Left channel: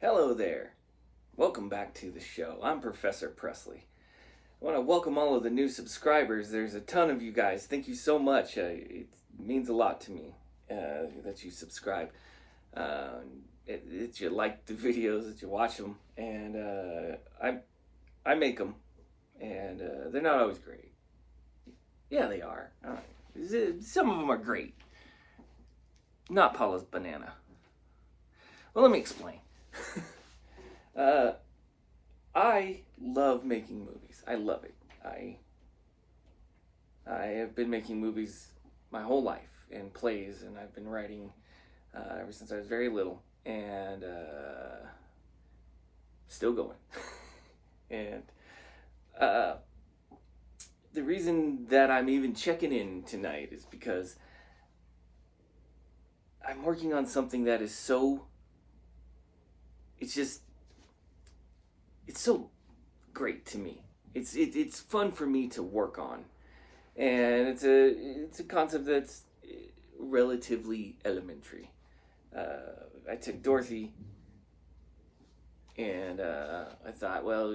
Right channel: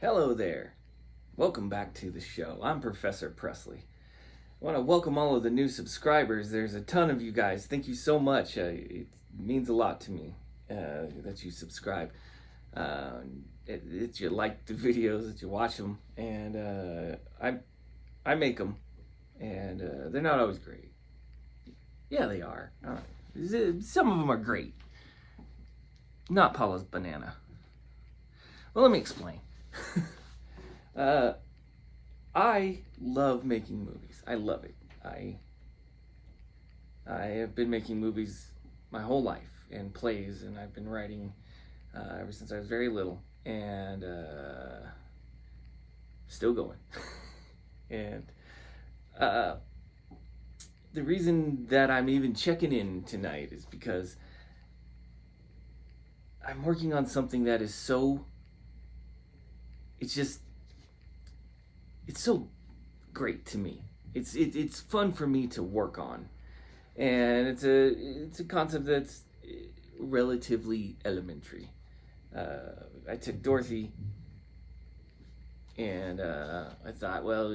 Hello there. Welcome back to the show. I'm Professor Presley. I want to welcome all of the new subscribers. There's a ton of you guys. Thank you so much. It means a lot to me that you subscribe. That you like the videos, that you watch them, and I make them, and they're not always great. Yeah, they are. Some of them are great. Not Paula's banana. Well, let me explain. I love making movies. I love it. I have been making movies my whole life and plays, and I've been writing ever since I was very little, and still going. And the reason that I'm even checking in tonight is because I'm working on something that is so, it's so great to me. It's fun for me to work on, and it's a concept that's relatively elementary. I took Dorothy, and I thought, well,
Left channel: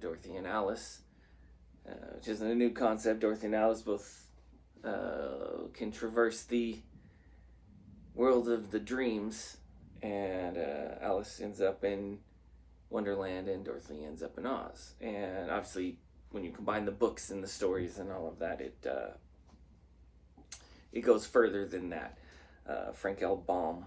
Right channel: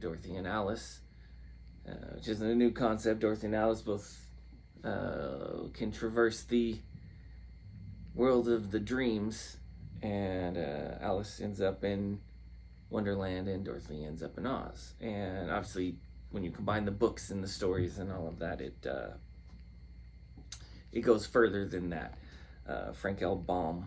Dorothy and Alice, which isn't a new concept. Dorothy and Alice both can traverse the world of the dreams, and Alice ends up in Wonderland and Dorothy ends up in Oz. And obviously, when you combine the books and the stories and all of that, it goes further than that. Frank L. Baum,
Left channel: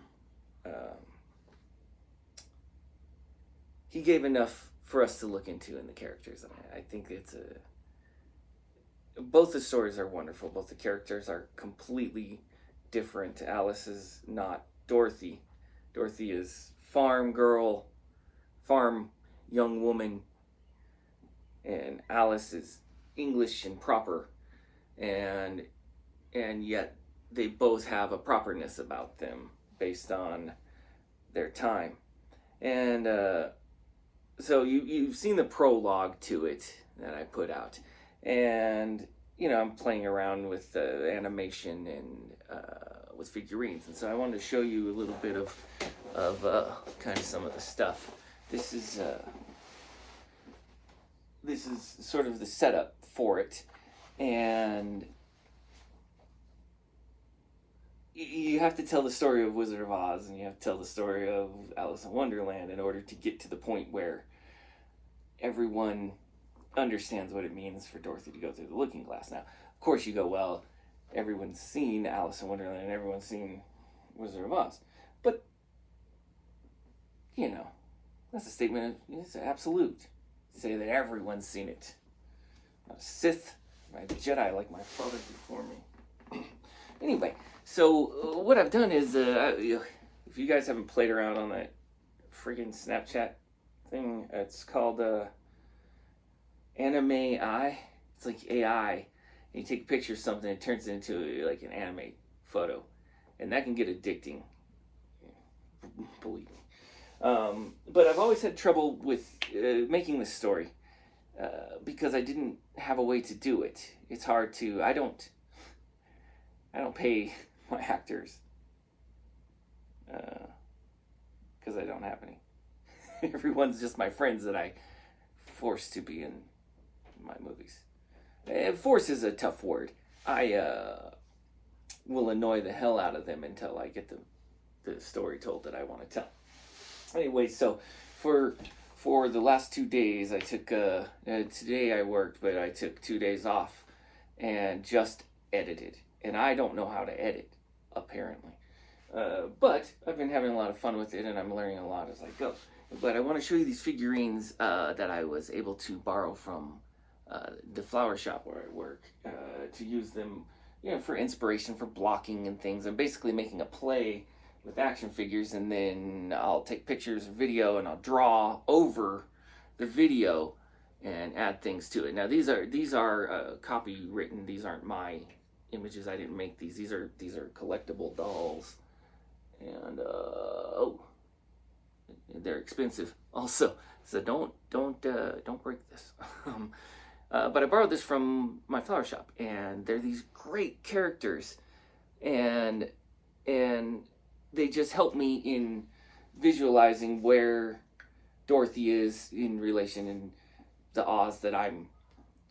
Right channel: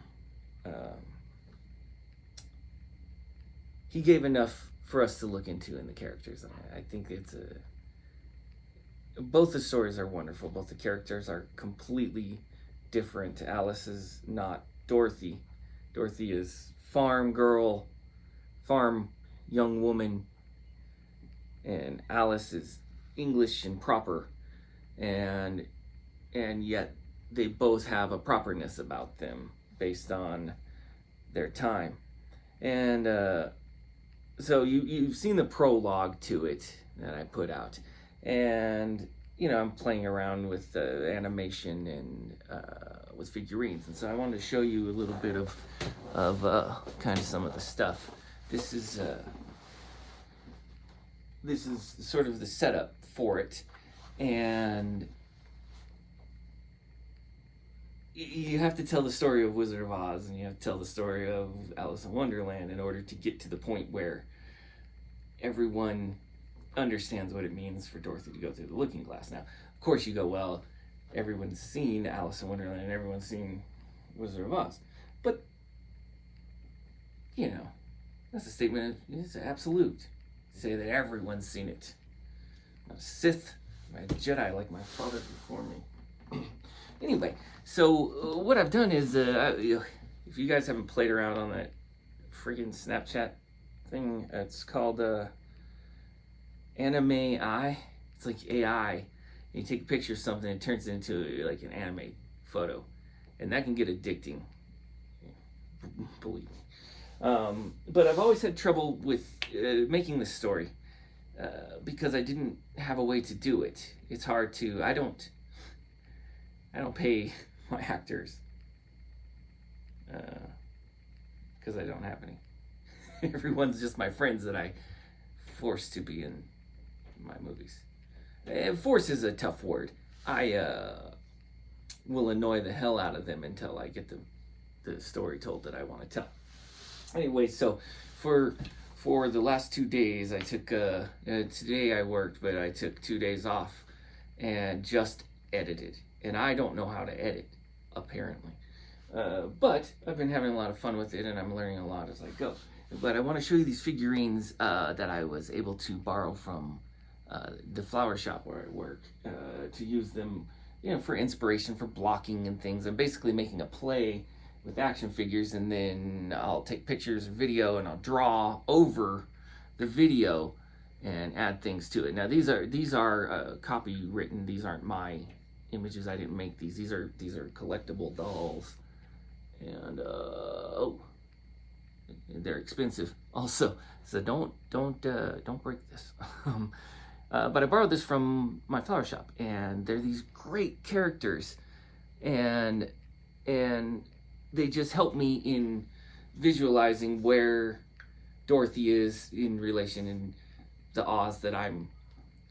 he gave enough for us to look into in the characters. I think both the stories are wonderful. Both the characters are completely different. Alice is not Dorothy. Dorothy is farm girl, farm young woman, and Alice is English and proper, and yet they both have a properness about them based on their time. And so you've seen the prologue to it that I put out, and I'm playing around with animation and with figurines, and so I wanted to show you a little bit of kind of some of the stuff. This is sort of the setup for it, and you have to tell the story of Wizard of Oz, and you have to tell the story of Alice in Wonderland in order to get to the point where everyone understands what it means for Dorothy to go through the looking glass. Now, of course, you go, well, everyone's seen Alice in Wonderland and everyone's seen Wizard of Oz, but that's a statement. It's absolute. Say that everyone's seen it. Not a Sith, not a Jedi like my father before me. Anyway, so what I've done is, if you guys haven't played around on that friggin' Snapchat thing, it's called Anime AI. It's like AI. And you take a picture of something, it turns into like an anime photo, and that can get addicting. Believe me. But I've always had trouble with making this story because I didn't have a way to do it. It's hard to. I don't pay my actors because I don't have any. Everyone's just my friends that I force to be in my movies. Force is a tough word. I will annoy the hell out of them until I get the story told that I want to tell. Anyway, so for the last 2 days, I took today I worked, but I took 2 days off and just edited. And I don't know how to edit, apparently. But I've been having a lot of fun with it, and I'm learning a lot as I go. But I want to show you these figurines that I was able to borrow from the flower shop where I work to use them, for inspiration, for blocking and things. I'm basically making a play with action figures, and then I'll take pictures or video, and I'll draw over the video and add things to it. Now these are copywritten. These aren't my images. I didn't make these. These are collectible dolls, and they're expensive also. So don't break this. But I borrowed this from my flower shop, and they're these great characters, and they just help me in visualizing where Dorothy is in relation in the Oz that I'm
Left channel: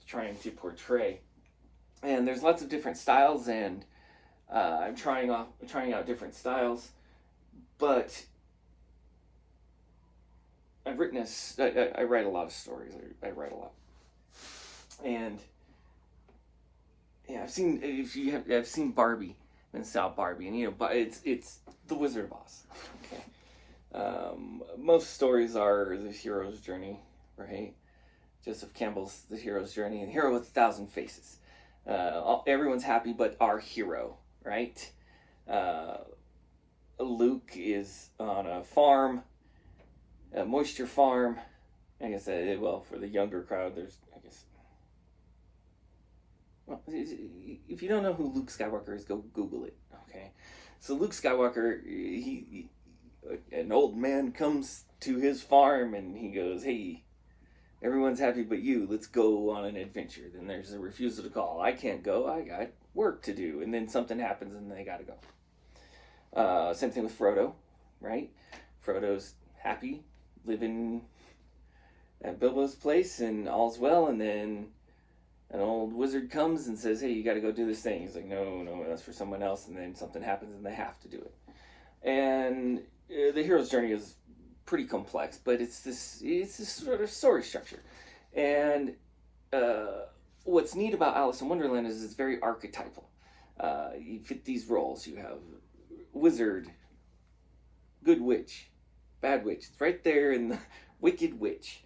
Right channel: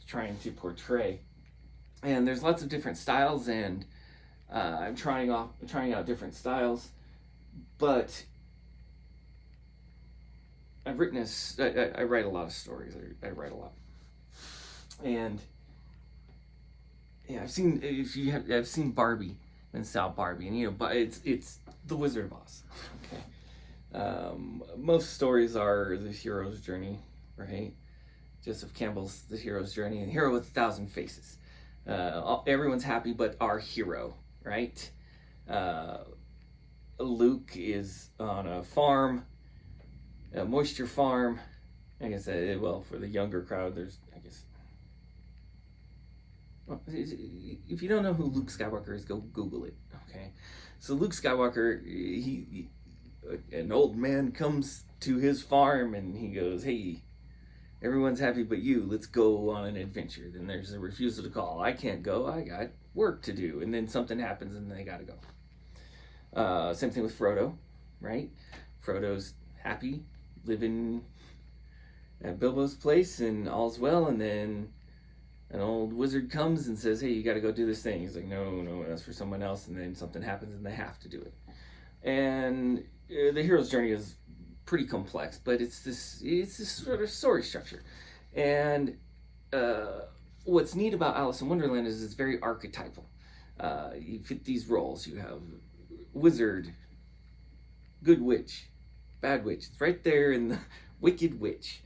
trying to portray. And there's lots of different styles, and I'm trying out different styles, but I've written I write a lot of stories. I write a lot, and yeah, I've seen Barbie and Sal Barbie, and but it's the Wizard of Oz. Okay, most stories are the hero's journey, right? Joseph Campbell's The Hero's Journey, and Hero with 1,000 Faces. Everyone's happy but our hero, right? Luke is on a farm, a moisture farm. I guess, well, for the younger crowd, there's, I guess, well, if you don't know who Luke Skywalker is, go Google it, okay? So Luke Skywalker, an old man comes to his farm and he goes, hey, everyone's happy but you, let's go on an adventure. Then there's a refusal to call. I can't go, I got work to do. And then something happens and they gotta go. Same thing with Frodo, right? Frodo's happy, living at Bilbo's place and all's well, and then an old wizard comes and says, hey, you gotta go do this thing. He's like, no, that's for someone else, and then something happens and they have to do it. And the hero's journey is pretty complex, but it's this sort of story structure. And what's neat about Alice in Wonderland is it's very archetypal. You fit these roles. You have wizard, good witch, bad witch. It's right there in the wicked witch.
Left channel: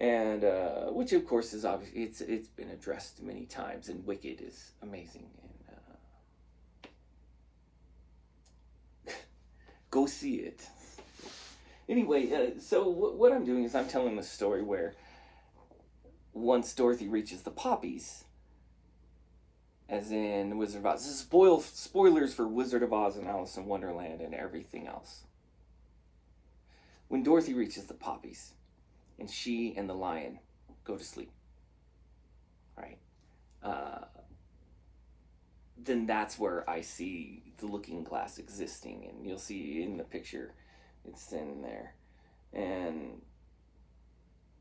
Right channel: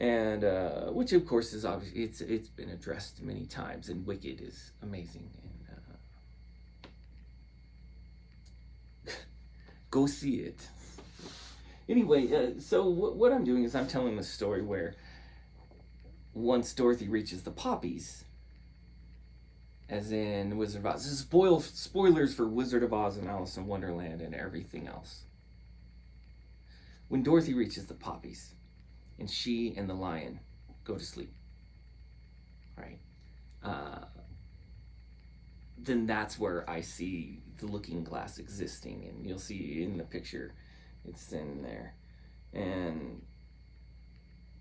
And which of course is obviously it's been addressed many times, and Wicked is amazing. And go see it. Anyway, so what I'm doing is I'm telling this story where once Dorothy reaches the Poppies, as in Wizard of Oz. This is spoilers for Wizard of Oz and Alice in Wonderland and everything else. When Dorothy reaches the Poppies, and she and the lion go to sleep, right? Then that's where I see the looking glass existing, and you'll see in the picture it's in there. And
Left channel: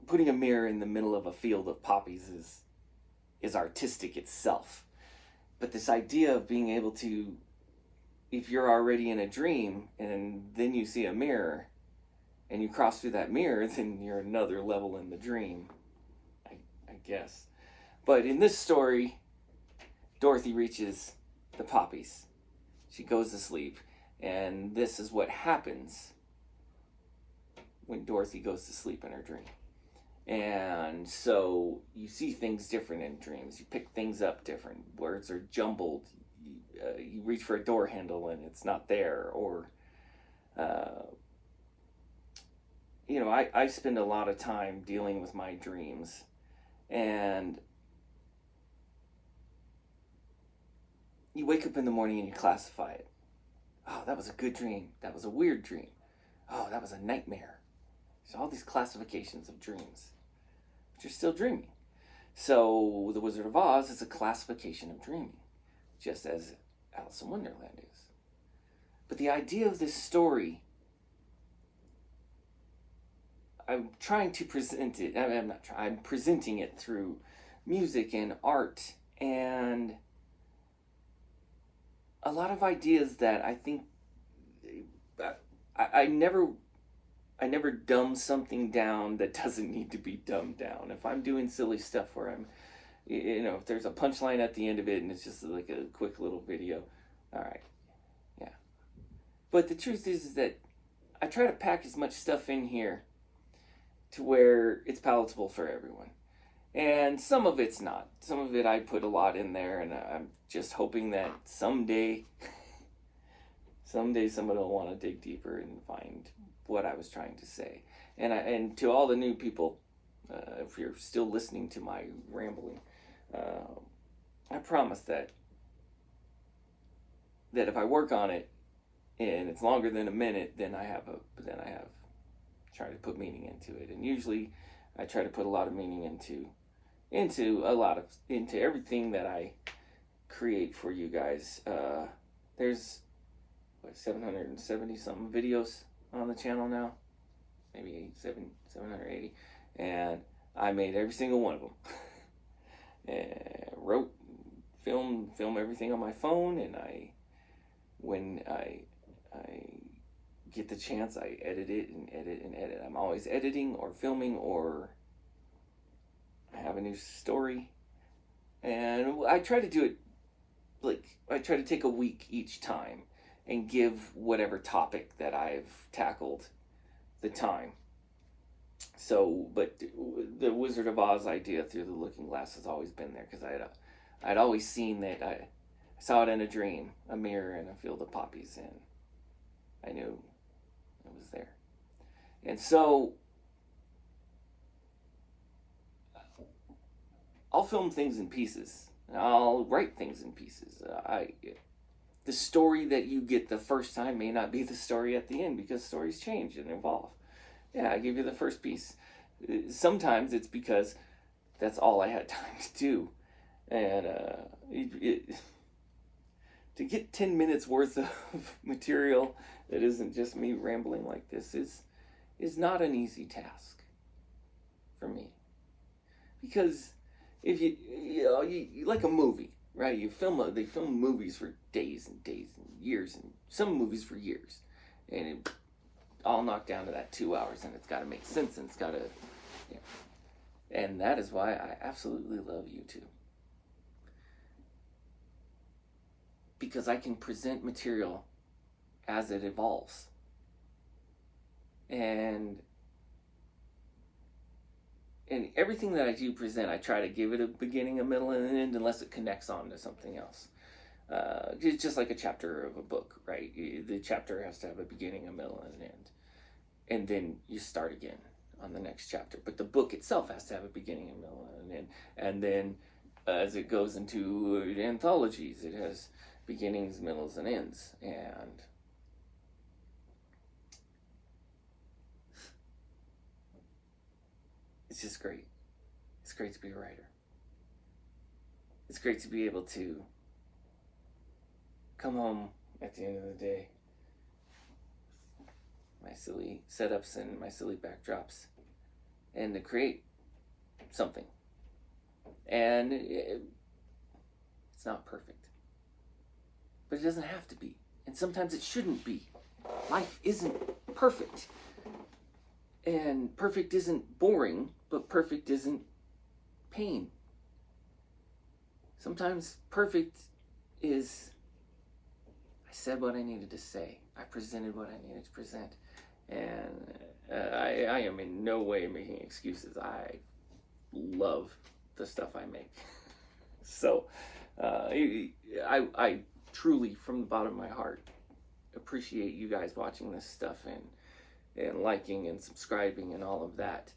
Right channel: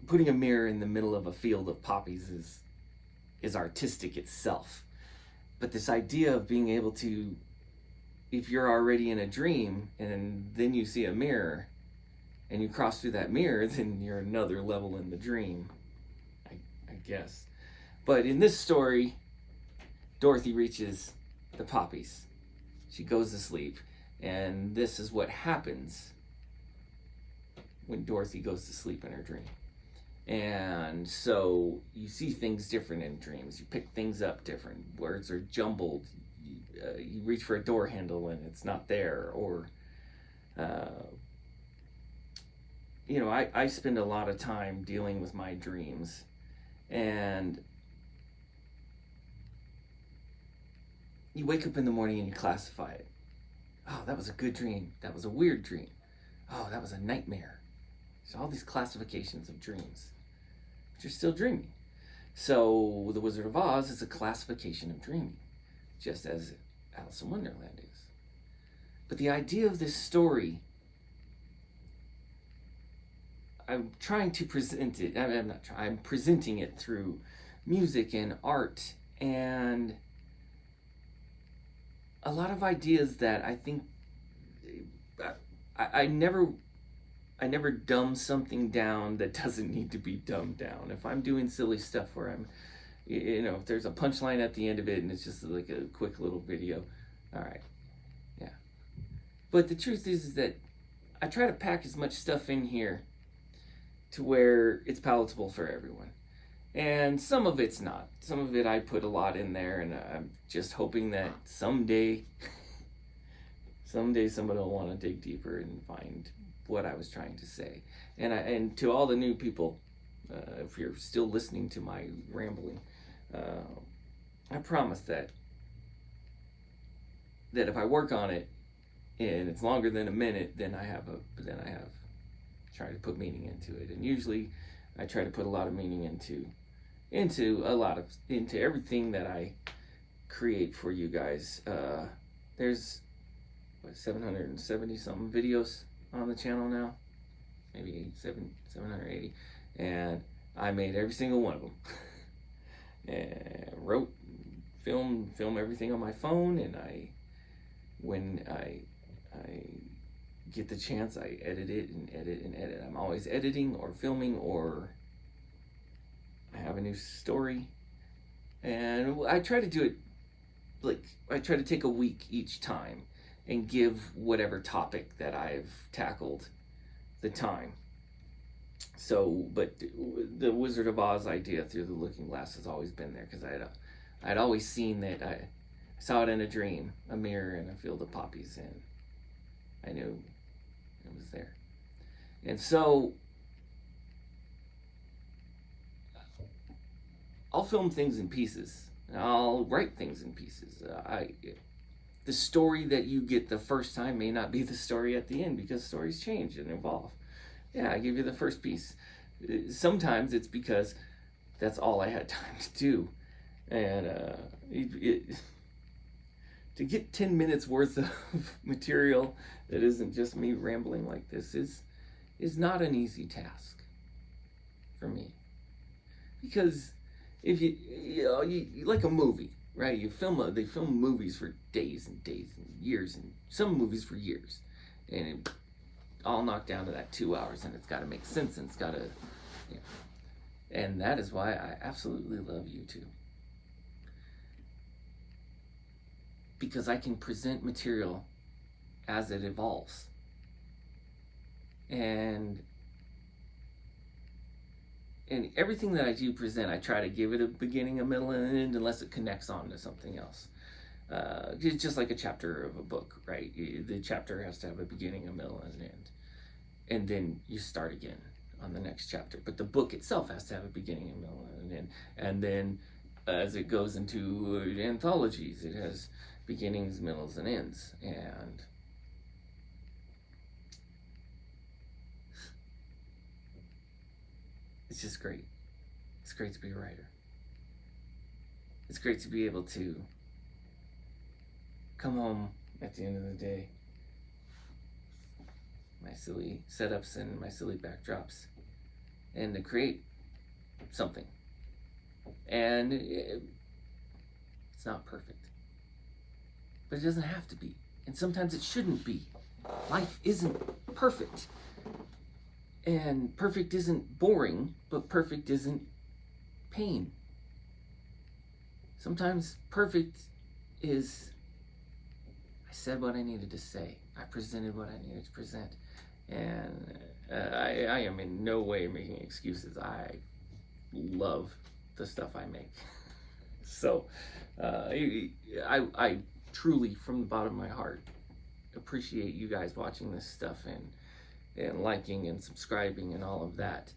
putting a mirror in the middle of a field of poppies is artistic itself. But this idea of being able to, if you're already in a dream and then you see a mirror and you cross through that mirror, then you're another level in the dream, I guess. But in this story, Dorothy reaches the Poppies. She goes to sleep, and this is what happens when Dorothy goes to sleep in her dream. And so you see things different in dreams. You pick things up different. Words are jumbled. You reach for a door handle and it's not there. Or, I spend a lot of time dealing with my dreams. And you wake up in the morning and you classify it. Oh, that was a good dream. That was a weird dream. Oh, that was a nightmare. So all these classifications of dreams, but you're still dreaming. So the Wizard of Oz is a classification of dreaming, just as Alice in Wonderland is. But the idea of this story, I'm trying to present it. I'm presenting it through music and art and a lot of ideas that I think I never dumb something down that doesn't need to be dumbed down. If I'm doing silly stuff where I'm, if there's a punchline at the end of it and it's just like a quick little video, all right, yeah. But the truth is that I try to pack as much stuff in here to where it's palatable for everyone. And some of it's not. Some of it I put a lot in there, and I'm just hoping that someday someone will want to dig deeper and find what I was trying to say. And to all the new people, if you're still listening to my rambling, I promise that if I work on it and it's longer than a minute, then I have tried to put meaning into it. And usually I try to put a lot of meaning into everything that I create for you guys. There's 770 something videos on the channel now, maybe 780, and I made every single one of them. And wrote, film everything on my phone, and when I get the chance, I edit it and edit and edit. I'm always editing or filming, or I have a new story, and I try to do it I try to take a week each time and give whatever topic that I've tackled the time. So, but the Wizard of Oz idea through the looking glass has always been there, because I'd always seen that. I saw it in a dream, a mirror in a field of poppies, and I knew it was there. And so I'll film things in pieces. I'll write things in pieces. The story that you get the first time may not be the story at the end, because stories change and evolve. Yeah, I give you the first piece. Sometimes it's because that's all I had time to do. And to get 10 minutes worth of material that isn't just me rambling like this is not an easy task for me. Because if you like a movie, right? They film movies for days and days and years, and some movies for years. And it all knocked down to that 2 hours, and it's got to make sense, and it's got to, and that is why I absolutely love YouTube, because I can present material as it evolves, and everything that I do present, I try to give it a beginning, a middle, and an end, unless it connects on to something else. It's just like a chapter of a book, right? The chapter has to have a beginning, a middle, and an end. And then you start again on the next chapter. But the book itself has to have a beginning, a middle, and an end. And then as it goes into anthologies, it has beginnings, middles, and ends. And it's just great. It's great to be a writer. It's great to be able to come home at the end of the day, my silly setups and my silly backdrops, and to create something. And it's not perfect, but it doesn't have to be. And sometimes it shouldn't be. Life isn't perfect. And perfect isn't boring, but perfect isn't pain. Sometimes perfect is, I said what I needed to say. I presented what I needed to present. And I am in no way making excuses. I love the stuff I make. So I truly, from the bottom of my heart, appreciate you guys watching this stuff and liking and subscribing and all of that.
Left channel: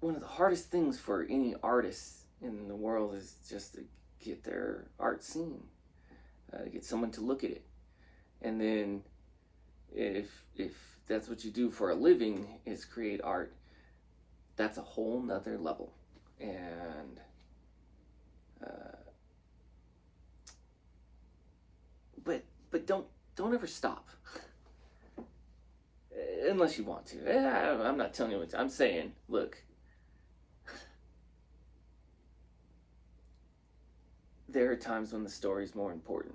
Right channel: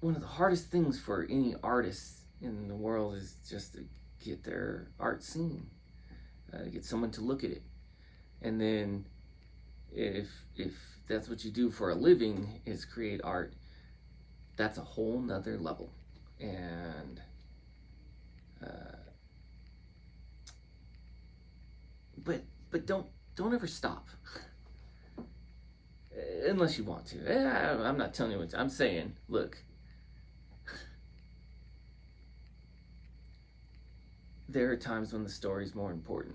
One of the hardest things for any artist in the world is just to get their art seen, get someone to look at it. And then if that's what you do for a living, is create art, that's a whole nother level. And but don't ever stop. Unless you want to. I'm not telling you what to. I'm saying, look, there are times when the story's more important.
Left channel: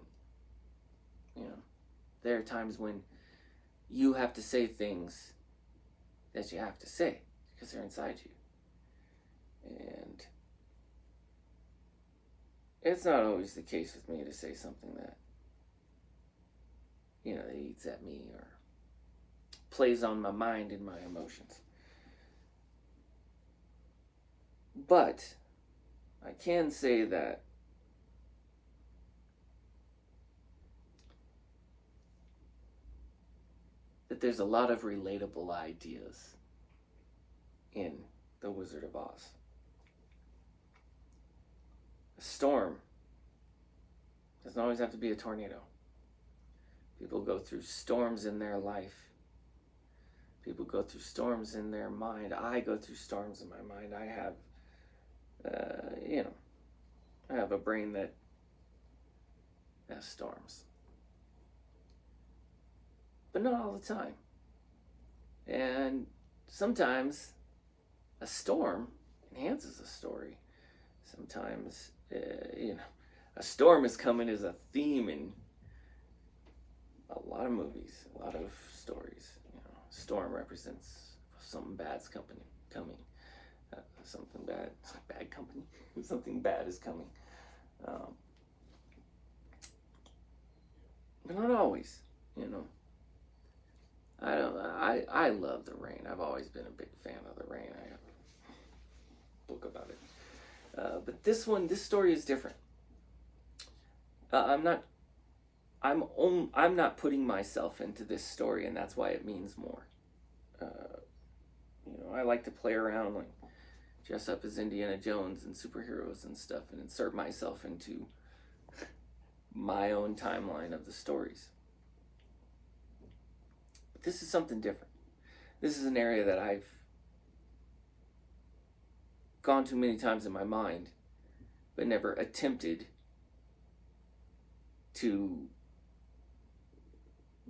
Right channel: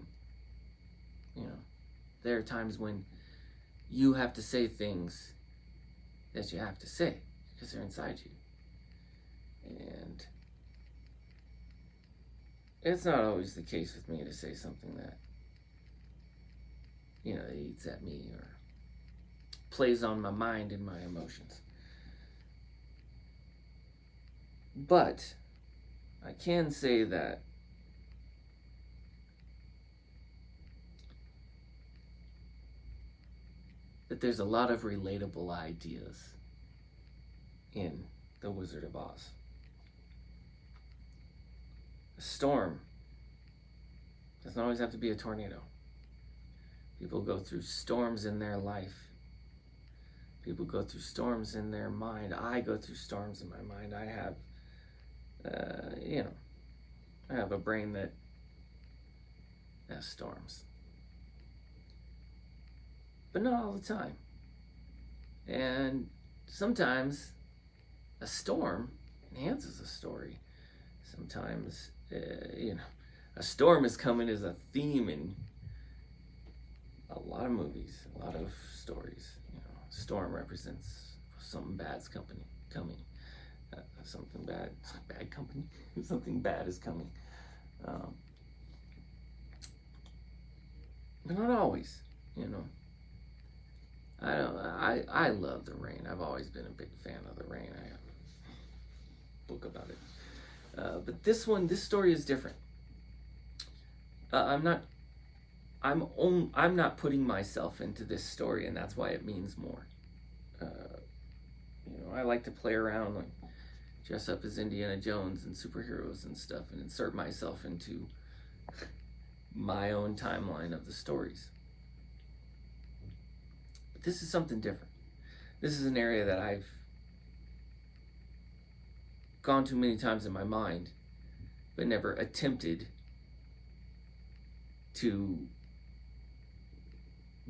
You know, there are times when you have to say things that you have to say because they're inside you. And it's not always the case with me to say something that, you know, that eats at me or plays on my mind and my emotions. But I can say that there's a lot of relatable ideas in The Wizard of Oz. A storm doesn't always have to be a tornado. People go through storms in their life. People go through storms in their mind. I go through storms in my mind. I have, I have a brain that has storms. but not all the time. And sometimes a storm enhances a story. Sometimes, a storm is coming as a theme in a lot of movies, a lot of stories. Storm represents something bad's coming. Something bad company. Something bad is coming. But not always, I love the rain. I've always been a big fan of the rain. I have a book about it. But this story is different. I'm not putting myself into this story, and that's why it means more. I like to play around, like dress up as Indiana Jones and superheroes and stuff, and insert myself into my own timeline of the stories. But this is something different. This is an area that I've gone to many times in my mind, but never attempted to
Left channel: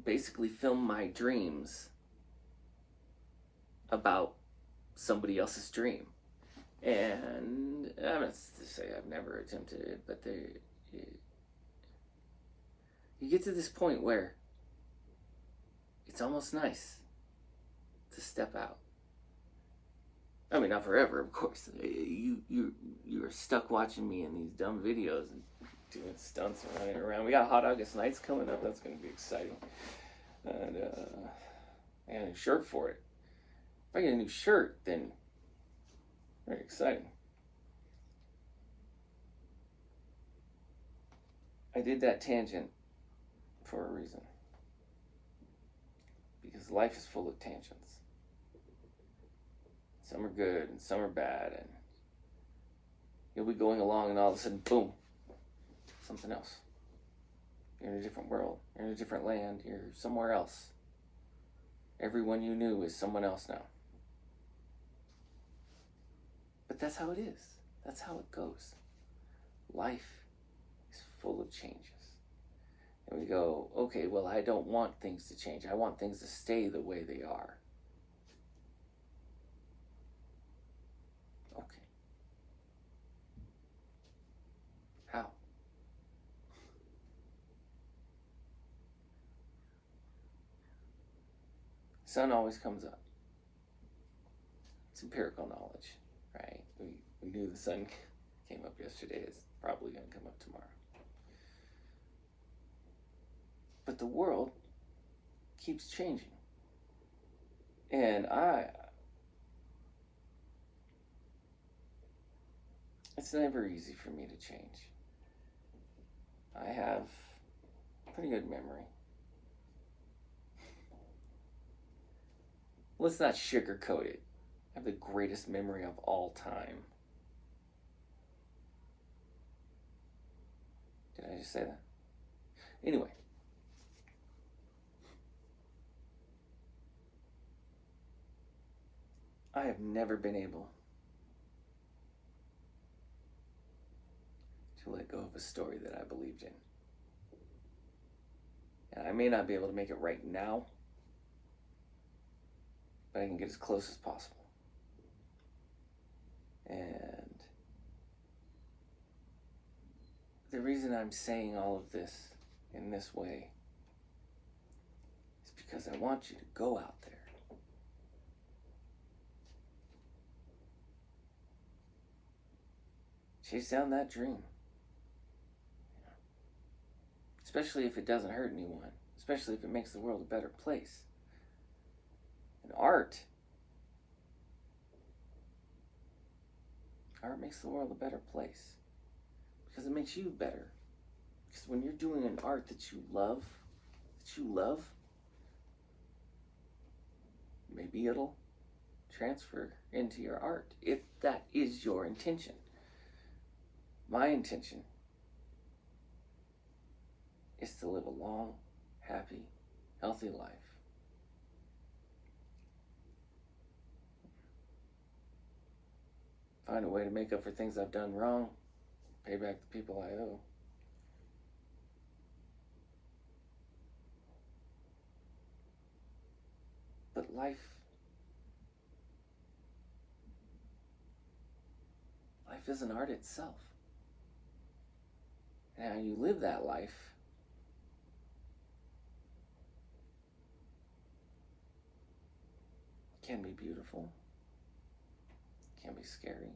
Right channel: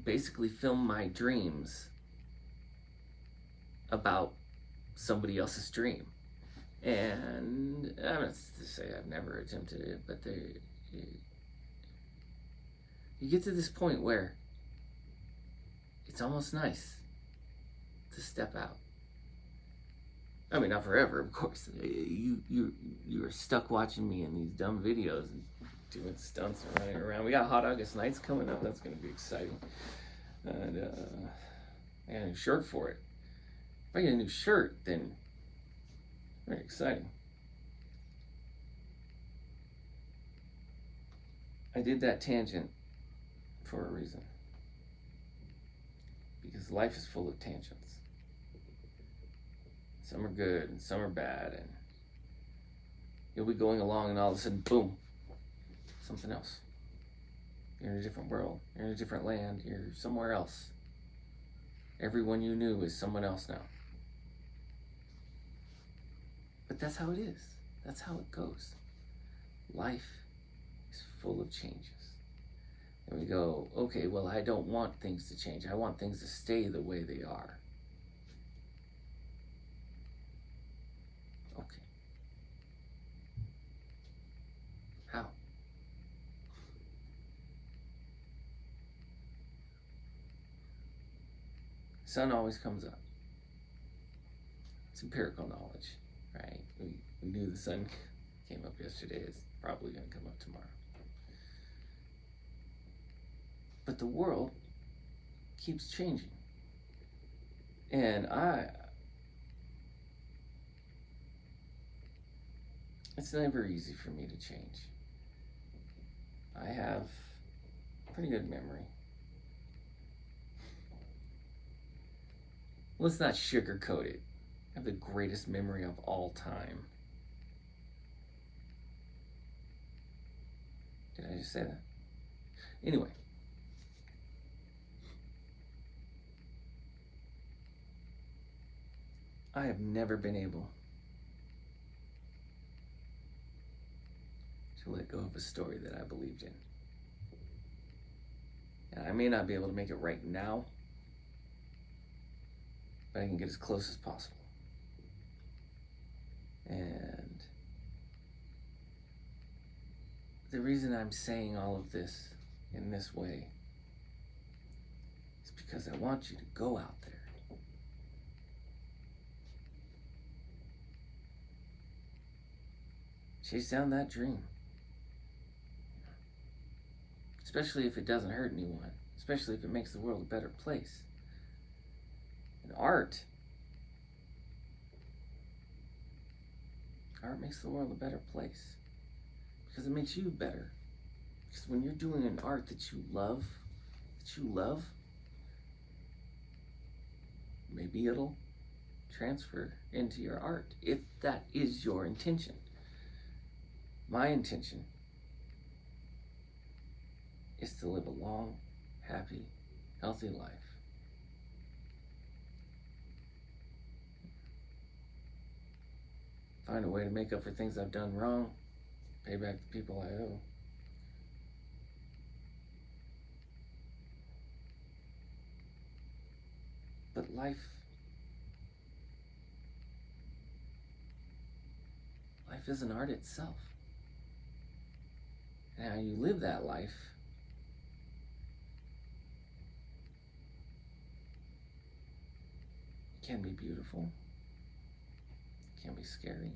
basically film my dreams about somebody else's dream. And I'm not to say I've never attempted it, but you get to this point where it's almost nice to step out. I mean, not forever, of course. You're stuck watching me in these dumb videos and doing stunts and running around. We got Hot August Nights coming up. That's going to be exciting. And a new shirt for it. If I get a new shirt, then very exciting. I did that tangent for a reason. Because life is full of tangents. Some are good and some are bad, and you'll be going along and all of a sudden, boom, something else. You're in a different world. You're in a different land. You're somewhere else. Everyone you knew is someone else now. But that's how it is. That's how it goes. Life is full of changes. And we go, okay, well, I don't want things to change. I want things to stay the way they are. Okay. How? Sun always comes up. It's empirical knowledge, right? We knew the sun came up yesterday. It's probably going to come up tomorrow. But the world keeps changing. And it's never easy for me to change. I have pretty good memory. Let's not sugarcoat it. I have the greatest memory of all time. Did I just say that? Anyway. I have never been able to let go of a story that I believed in. And I may not be able to make it right now, but I can get as close as possible. And the reason I'm saying all of this in this way is because I want you to go out there. Chase down that dream. Especially if it doesn't hurt anyone. Especially if it makes the world a better place. And art makes the world a better place. Because it makes you better. Because when you're doing an art that you love, maybe it'll transfer into your art, if that is your intention. My intention is to live a long, happy, healthy life. Find a way to make up for things I've done wrong, pay back the people I owe. life is an art itself. And how you live that life can be beautiful, can be scary.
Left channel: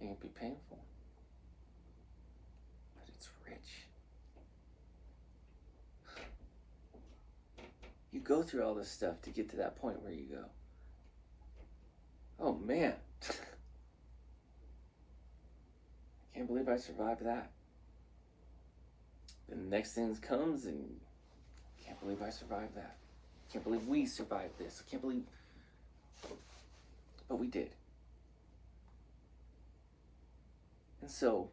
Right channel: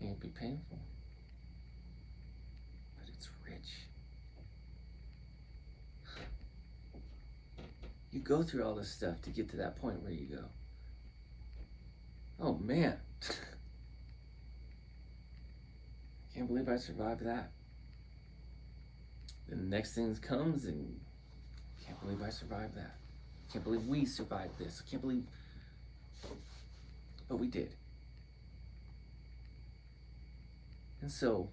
It can be painful, but it's rich. You go through all this stuff to get to that point where you go, oh man, I can't believe I survived that. Then the next thing comes and I can't believe I survived that. I can't believe we survived this. I can't believe, but we did. And so,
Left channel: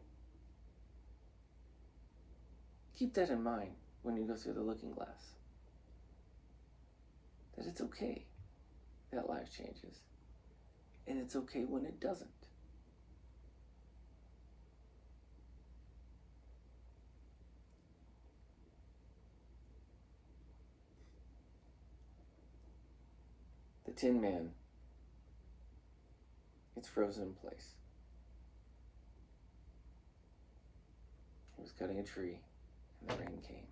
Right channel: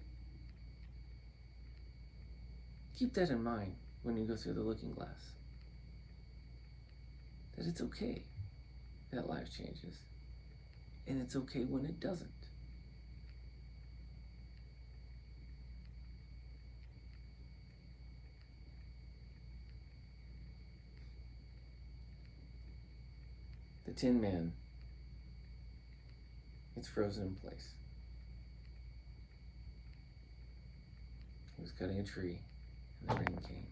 keep that in mind when you go through the looking glass. That it's okay that life changes. And it's okay when it doesn't. The Tin Man gets frozen in place. He was cutting a tree, and the rain came.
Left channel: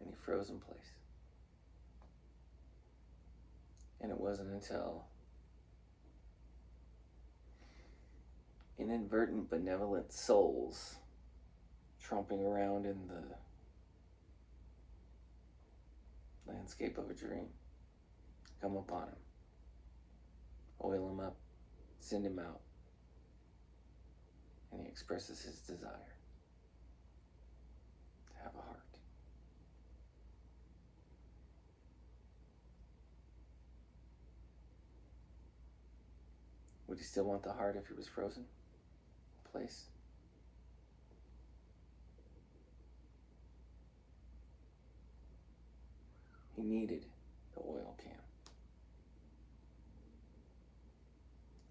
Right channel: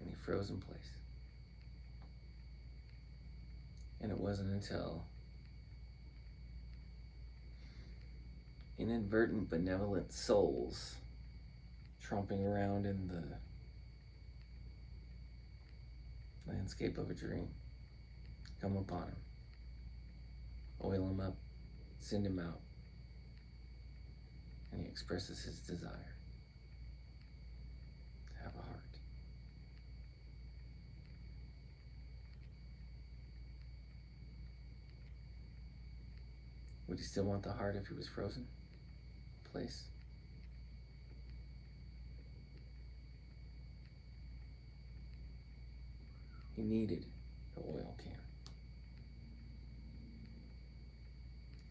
And he froze in place. And it wasn't until inadvertent benevolent souls tromping around in the landscape of a dream come upon him, oil him up, send him out, and he expresses his desire to have a heart. Would he still want the heart if he was frozen in place? He needed the oil can.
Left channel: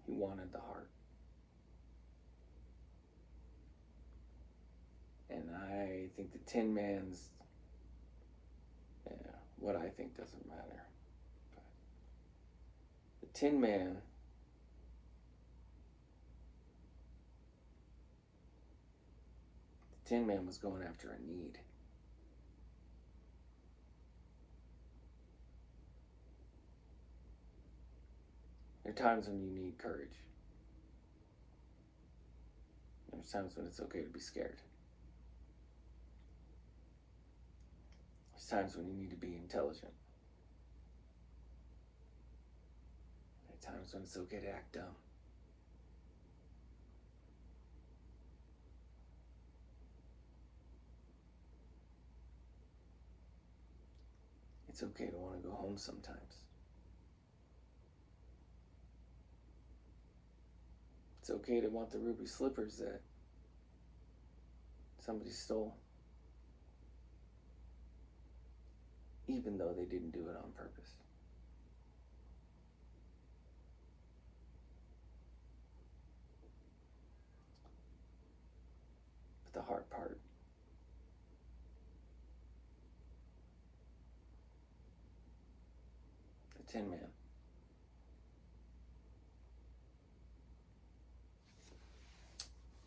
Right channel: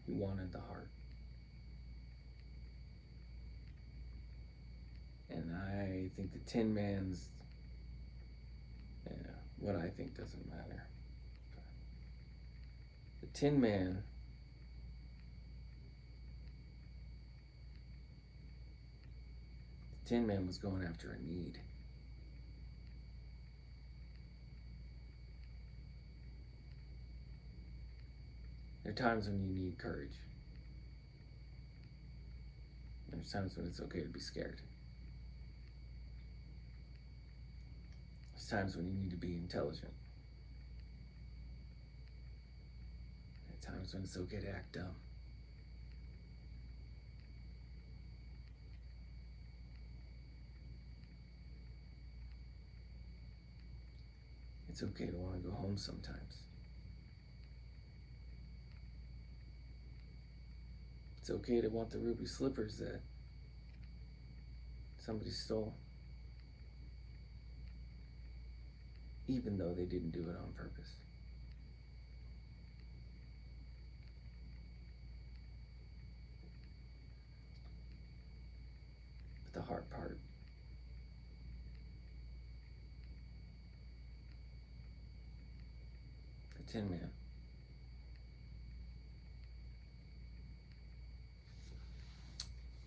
He wanted the heart. And I think the Tin Man's, what I think doesn't matter. The Tin Man was going after a need. There are times when you need courage. There's times when it's okay to be scared. There's times when you need to be intelligent. There are times when it's okay to act dumb. It's okay to want to go home sometimes. It's okay to want the ruby slippers that somebody stole, even though they didn't do it on purpose. But the hard part, the Tin Man,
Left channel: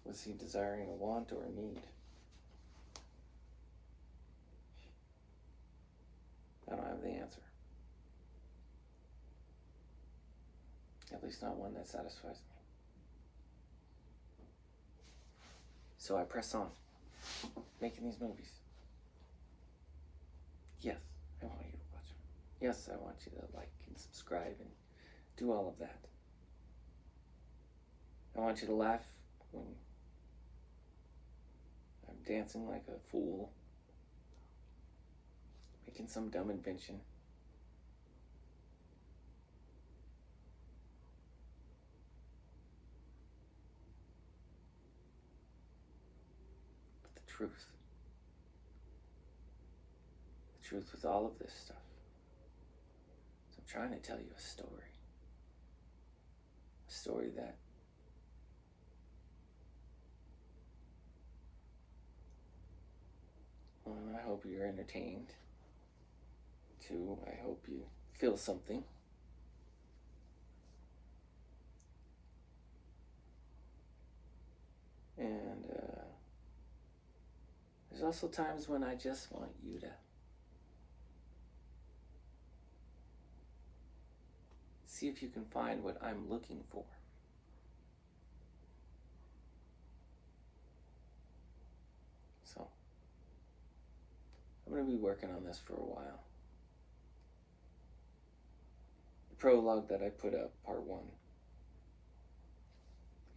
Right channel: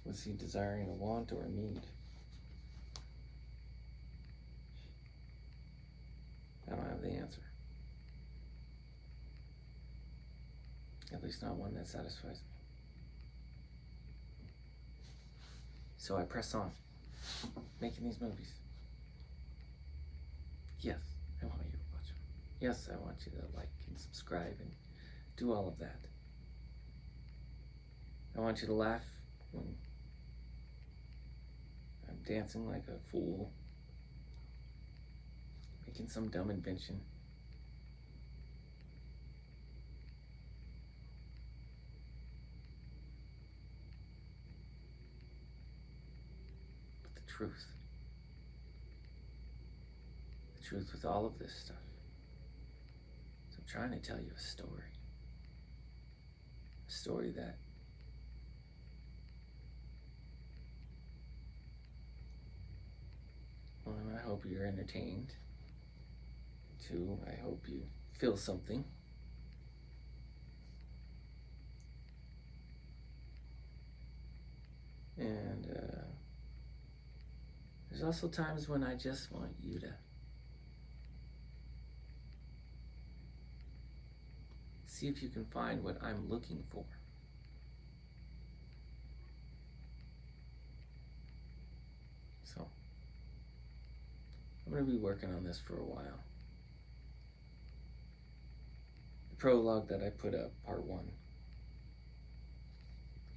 was he desiring a want or a need? I don't have the answer. At least not one that satisfies me. So I press on, making these movies. Yes, I want you to watch them. Yes, I want you to like and subscribe and do all of that. I want you to laugh when I'm dancing like a fool, making some dumb invention. But the truth with all of this stuff, is I'm trying to tell you a story. story that I hope you're entertained. 2, I hope you feel something. And there's also times when I just want you to see if you can find what I'm looking for. So, I'm going to be working on this for a while. The prologue that I put up, part 1,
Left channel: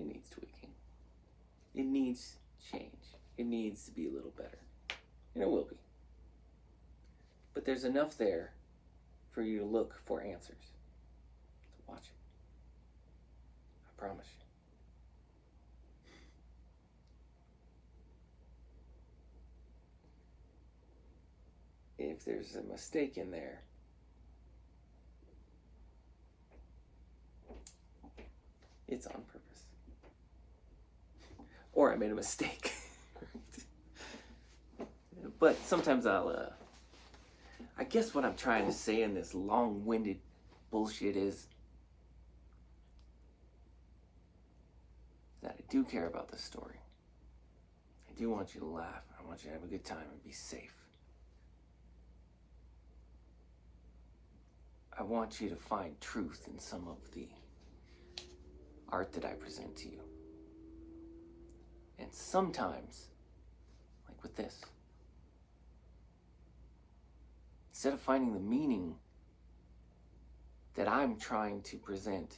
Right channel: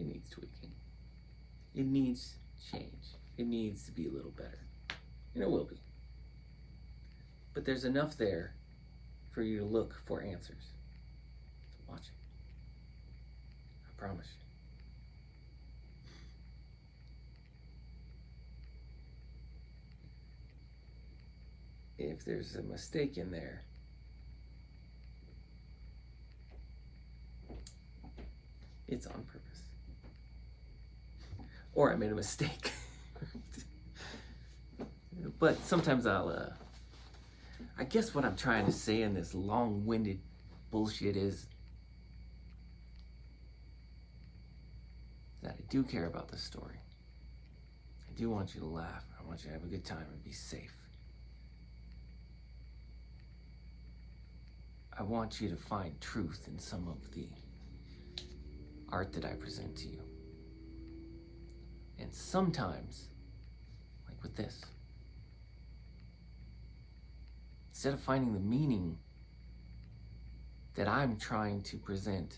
it needs tweaking. It needs change. It needs to be a little better. And it will be. But there's enough there for you to look for answers. So watch it. I promise you. If there's a mistake in there, it's on purpose. Or I made a mistake. But sometimes I guess what I'm trying to say in this long-winded bullshit is that I do care about the story. I do want you to laugh. I want you to have a good time and be safe. I want you to find truth in some of the art that I present to you. And sometimes, like with this, instead of finding the meaning that I'm trying to present,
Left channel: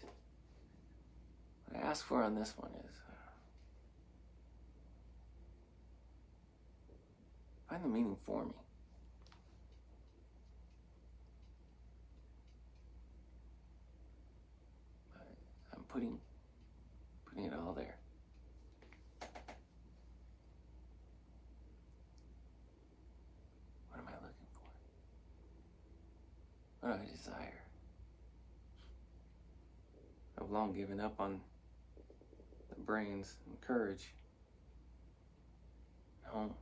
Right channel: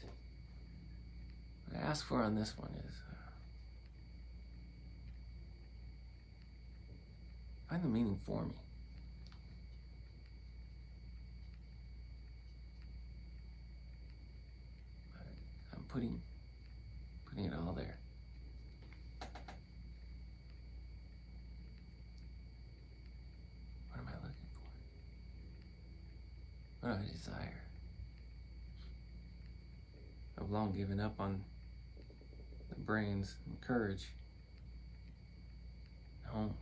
what I ask for on this one is find the meaning for me. I'm putting it all there. What am I looking for? What do I desire? I've long given up on the brains and courage. No.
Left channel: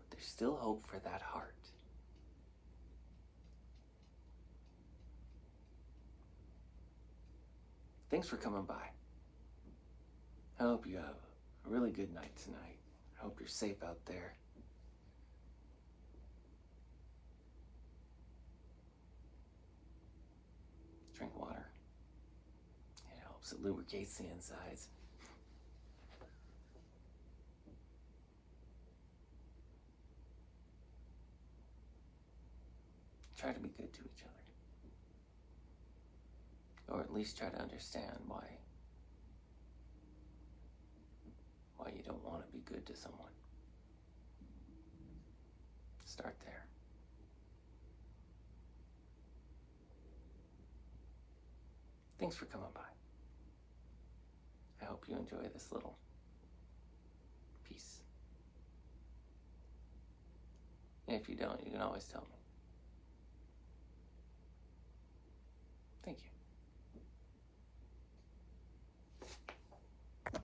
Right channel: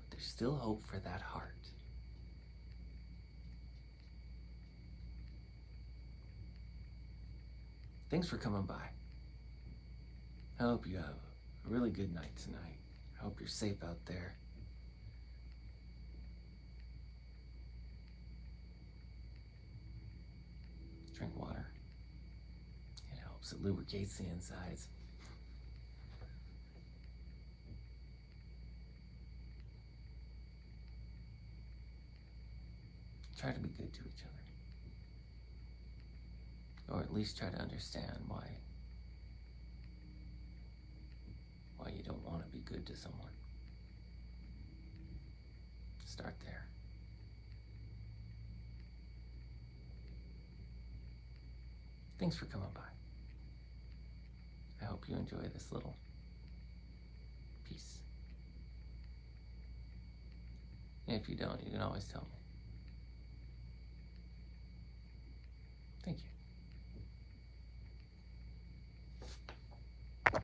But there's still hope for that heart. Thanks for coming by. I hope you have a really good night tonight. I hope you're safe out there. Drink water. It helps. It lubricates the insides. Try to be good to each other. Or at least try to understand why you don't want to be good to someone. Start there. Thanks for coming by. I hope you enjoy this little piece. And if you don't, you can always tell me. Thank you.